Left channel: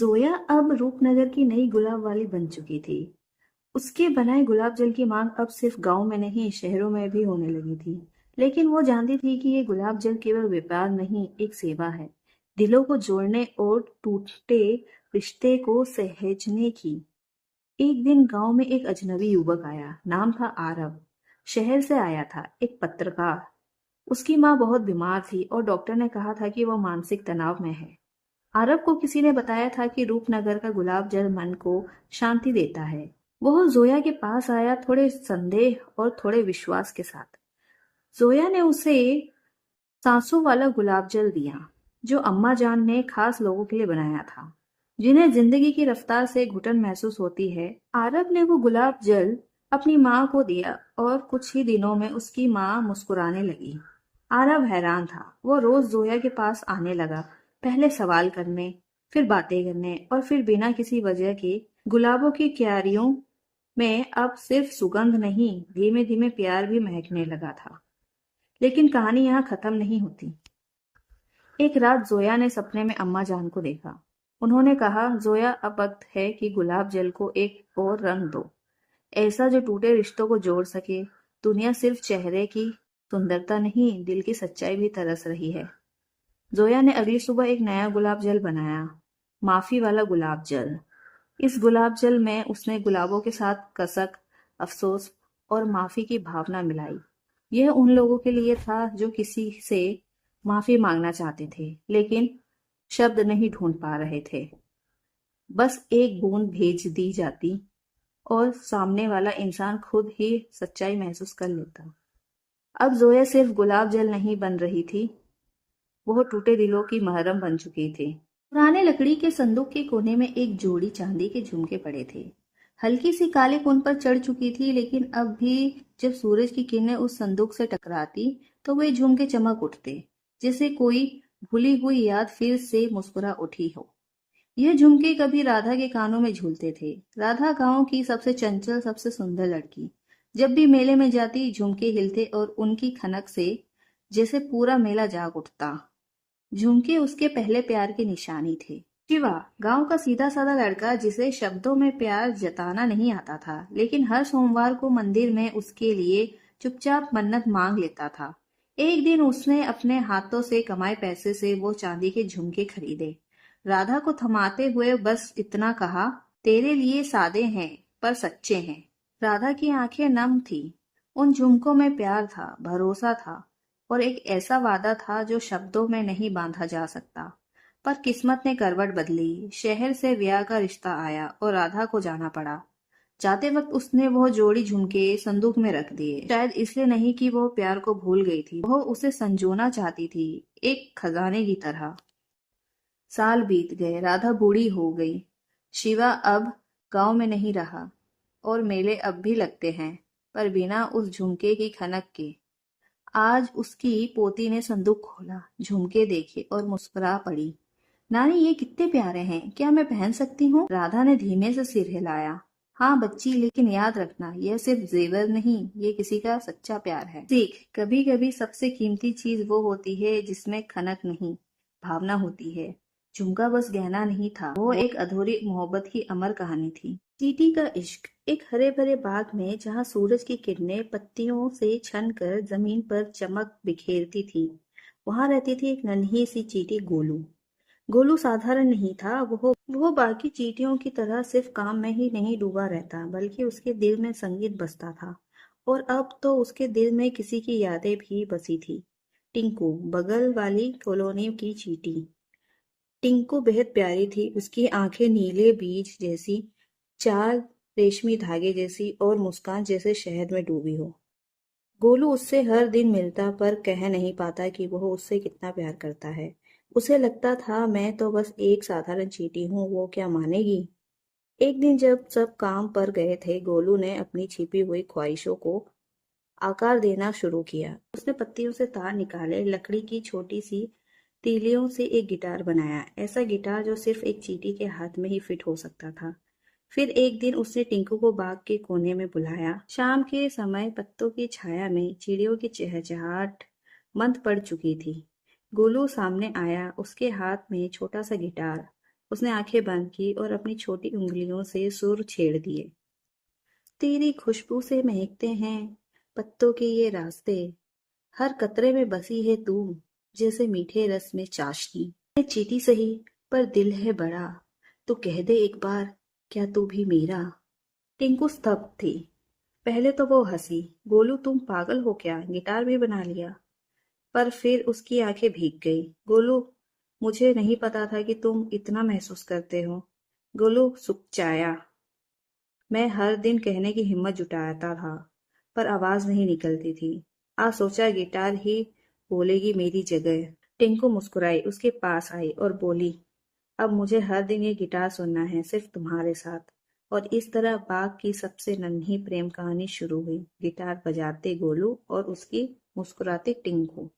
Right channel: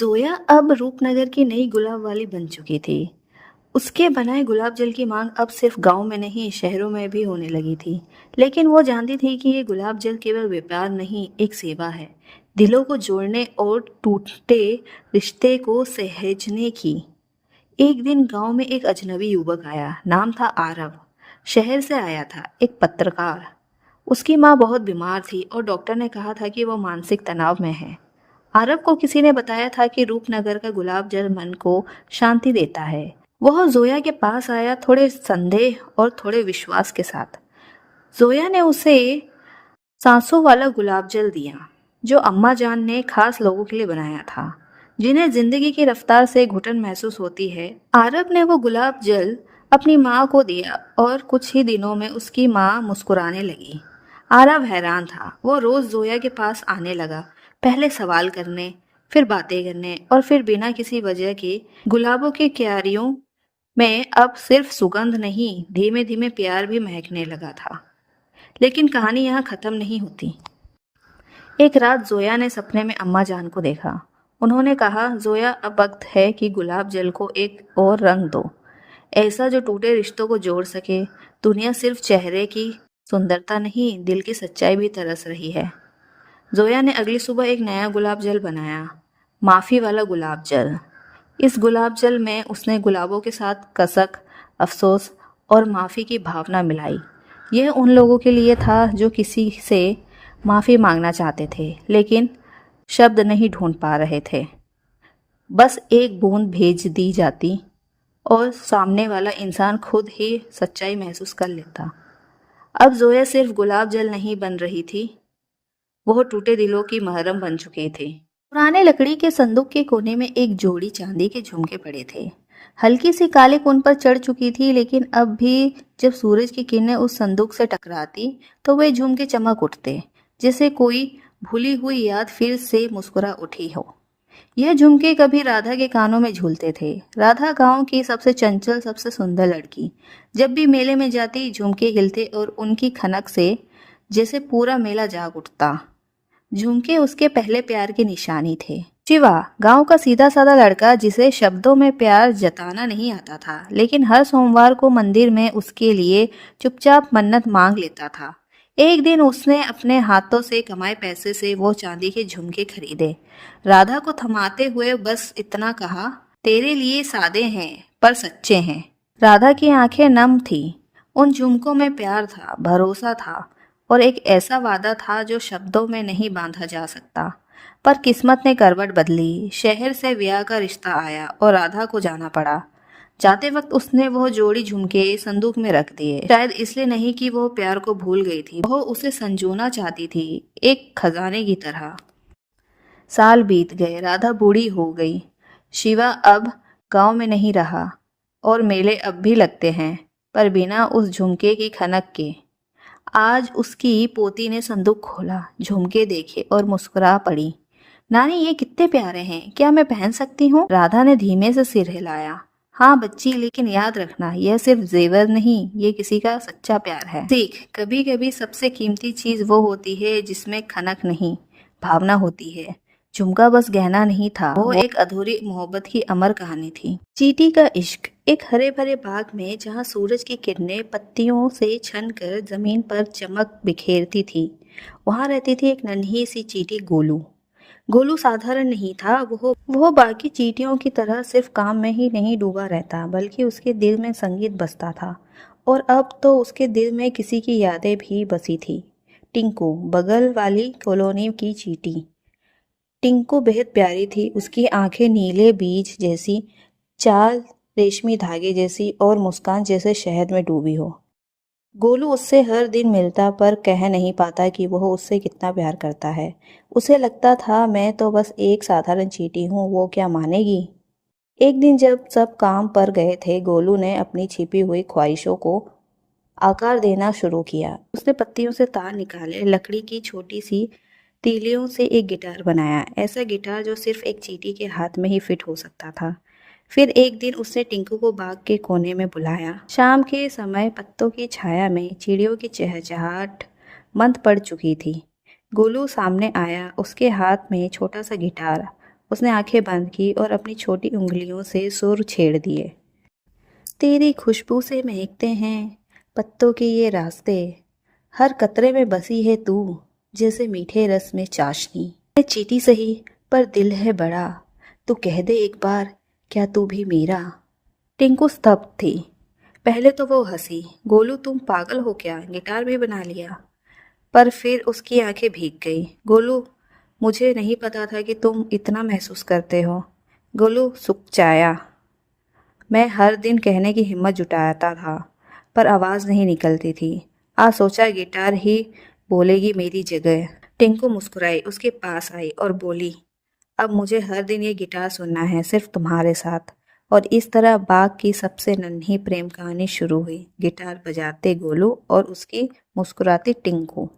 जोया अब रूपनगर की नई गुलाब वाली बन चुकी थी। उसके बनाए गुलाब जल की मांग अब सिर्फ गांव में नहीं शहरों में भी होने लगी थी। लेकिन वो जानती थी कि ये गुलाब जल केवल व्यापार नहीं, एक सेवा है। दिलों को जोड़ने और टूटे रिश्ते को सहेजने की। एक दिन गांव में एक अजनबी युवक आया। नाम था आरव। शहर से आया था, एक पत्रकार। उसकी माँ बहुत बीमार थी और डॉक्टर ने कहा था कि वो मानसिक तनाव में है। आरव को किसी ने बताया था कि रूपनगर का गुलाब जल मन को शांति देता है। वह जोया के पास आया, थोड़े संदेह और थोड़े विश्वास के साथ। जोया ने उसे सांसों वाला गुलाब जल दिया, जो अम्मा जान ने खास लोगों के लिए बनाया था, जिन्हें जिंदगी की रफ्तार से घुटन महसूस होती है। आरव ने वो गुलाब जल अपनी माँ को दिया और कुछ ही दिनों में उसकी माँ मुस्कुराने लगी। आरव हैरान था। वो रोज जोया के पास आने लगा, पहले सवाल करने, फिर बातें करने और फिर बिना किसी वजह के। गुलाबों की क्यारियों में अब सिर्फ सुगंध नहीं, धीमे धीमे प्यार भी महकने लगा था। लेकिन कहानी यहाँ खत्म नहीं होती। एक रात जोया ने सपने में अम्मा जान को देखा। उन्होंने कहा, जोया, अब वक्त है कि गुलाब जल को एक और रंग दो, ऐसा जो टूटे रिश्तों को जोड़ सके। दुनिया सिर्फ चेहरे की सुंदरता नहीं, दिल की सच्चाई भी तरस रही है। जोया ने अगली सुबह एक नया गुलाब जल बनाया, माफी वाला गुलाब जल। इस गुलाब जल में उसने गुलाबों के साथ कसक, अफसोस और माफी की भावना मिलाई। यह उन लोगों के लिए था जो किसी से माफी मांगना चाहते थे, लेकिन शब्द नहीं ढूंढ पा रहे थे। बस एक बूंद भेज दी जाती और सामने वाला इंसान खुद ही सच्चाई महसूस कर लेता। अब जोया सिर्फ गुलाब जल नहीं बन रही थी, वह टूटे दिलों की महरम बन चुकी थी। पुराने लकड़ी के संदूक के कोने में एक जोड़ी चांदी के झुमके पड़े थे। हल्की सी काली उन पर चढ़ चुकी थी, लेकिन अब भी जब सूरज की किरणें उस संदूक से टकराती तो वे झुमके चमक उठते, जैसे कोई भूली हुई याद फिर से मुस्कुरा उठी हो। यह झुमके कभी राधा के कानों में झूलते थे। राधा गांव की सबसे चंचल, सबसे सुंदर लड़की। जब भी मेले में जाती, झुमके हिलते और उनकी खनक से जैसे पूरा मेला जाग उठता। झुमके उसके पहले प्यार की निशानी थे। शिवा गांव का सीधा साधा लड़का, जिसे शब्दों में प्यार जताना नहीं आता था, लेकिन हर सोमवार को मंदिर में उसके लिए चुपचाप मन्नत मांग लेता था। एक दिन उसने अपने हाथों से कमाए पैसे से वो चांदी के झुमके खरीदे। राधा को थमाते हुए बस इतना कहा, तेरे लिए सादे हैं पर सच्चे हैं। राधा की आंखें नम थी। उन झुमकों में प्यार था, भरोसा था और एक ऐसा वादा था जो शब्दों में नहीं बांधा जा सकता। पर किस्मत ने करवट बदली। शहर से ब्याह का रिश्ता आया और राधा को जाना पड़ा। जाते वक्त उसने वो जोड़ी झुमके संदूक में रख दिए, शायद इसलिए नहीं कि वो प्यार को भूल गई थी, वो उसे संजोना चाहती थी, एक खजाने की तरह। साल बीत गए, राधा बूढ़ी हो गई। शिवा अब गांव में नहीं रहा और मेले अब भी लगते हैं, पर बिना उस झुमके की खनक के। आज उसकी पोती ने संदूक खोला, झुमके देखे और मुस्कुरा पड़ी। नानी, ये कितने प्यारे हैं, क्या मैं पहन सकती हूँ? राधा ने धीमे से सिर हिलाया। हाँ बच्ची, लेकिन याद रखना, यह सिर्फ जेवर नहीं, ये किसी का सच्चा प्यार है। सीख, कभी कभी सबसे कीमती चीज वो होती है जिसमें खनक नहीं, भावना होती है। झुमका बस गहना नहीं था, वो एक अधूरी मोहब्बत की अमर कहानी थी। चींटी का इश्क। एक हरे भरे बाग में, जहाँ सूरज की किरणें पत्तियों से छन कर जमीन पर चमक बिखेरती थी, वहां रहती थी एक नन्ही सी चींटी, गोलू। गोलू साधारण नहीं था। वो बाकी चींटियों की तरह सिर्फ काम में ही नहीं डूबा रहता, बल्कि उसके दिल में संगीत बजता था। और अब तो उसके दिल में किसी की यादें भी बसी थी। टिंकू, बगल वाली कॉलोनी की चींटी। टिंकू बेहद प्यारी थी। उसकी आंखें नीले बीज जैसी, चाल रेशमी धागे जैसी और मुस्कान जैसे शहद में डूबी हो। गोलू उससे हर दिन मिलता, पर कह नहीं पाता कि वह उससे कितना प्यार करता है। उसे लगता था, मैं तो बस एक साधारण चींटी हूँ, वो क्या मानेगी। एक दिन जब सब काम पर गए थे, गोलू ने अपनी छिपी हुई ख्वाहिशों को आकार देना शुरू किया। उसने पत्तियों से तार निकाले, लकड़ी की छोटी सी तीलियों से एक गिटार बनाया, ऐसा गिटार जो सिर्फ एक चींटी के हाथ में ही फिट हो सकता था। फिर एक दिन उसने टिंकू को बाग के कोने में बुलाया। शाम के समय पत्तों की छाया में चिड़ियों की चहचहाट मंद पड़ चुकी थी। गोलू सामने आया, उसके हाथ में छोटा सा गिटार। उसने आंखें बंद की और अपनी छोटी उंगलियों से सुर छेड़ दिए। तेरी खुशबू से महकते हैं पत्तों के ये रास्ते, हर कतरे में बसी है तू, जैसे मीठे रस में चाशनी। मैं चीटी सही पर दिल है बड़ा, तू कह दे एक बार, क्या तू भी मेरा। टिंकू स्तब्ध थी। पहले तो वो हंसी, गोलू तुम पागल हो क्या, गिटार भी बना लिया। पर फिर उसकी आंखें भीग गई। गोलू, मुझे नहीं पता था कि तुम इतना महसूस करते हो। गोलू सुकचाया। मैं हर दिन कहने की हिम्मत जुटाता था, पर आवाज़ नहीं निकलती थी। आज सोचा गिटार ही बोलेगी मेरी जगह। टिंकू मुस्कुराई, उसके पास आई और बोली, अब मुझे हर दिन ये गिटार सुनना है, सिर्फ तुम्हारे साथ। और इस तरह बाग की सबसे नन्ही प्रेम कहानी शुरू हुई, गिटार बजाते गोलू और उसकी मुस्कुराती टिंकू।